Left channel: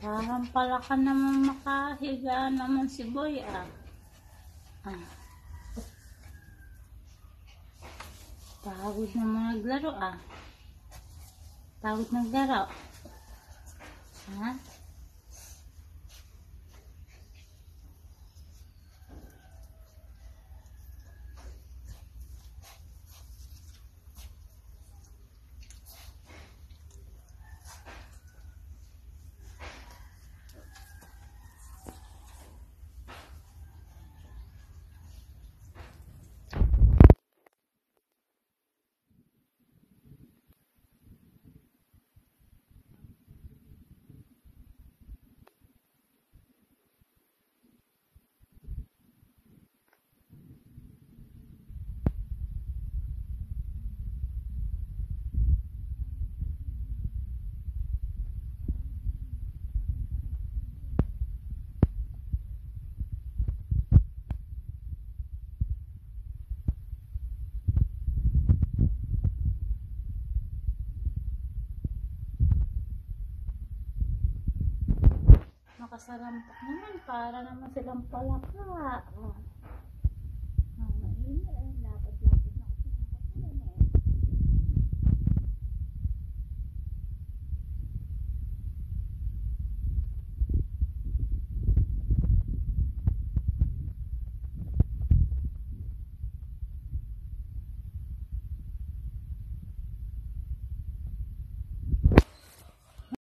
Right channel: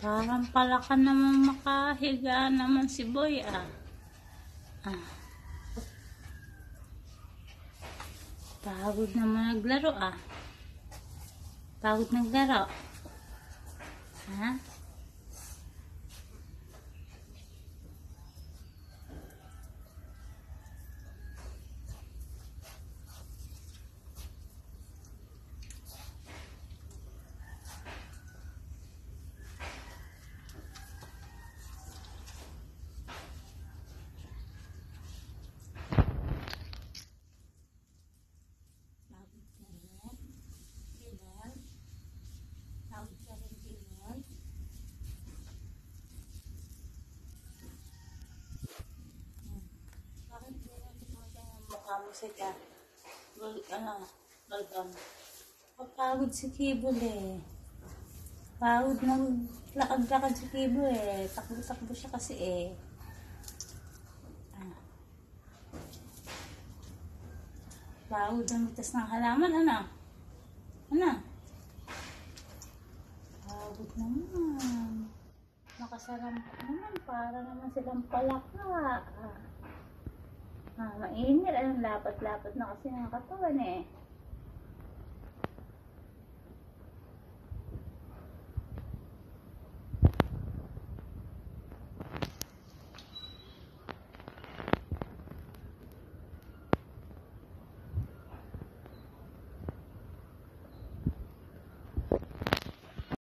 Parang pala ka naman makahiga naman si Boy ah. Pagod naman naglaro ah. Pagod naglaro. Ha? Pagod si Kibol eh. Pagod na lakad-lakad si Kibol eh. Takbo-takbo siya kasi eh. Pagod na mitas ng halaman. Ano? Ano? Pagod naman. Makasalampak naman. Para naman silang palaka. Mainit. Lapat-lapat na kasi ng katawan eh.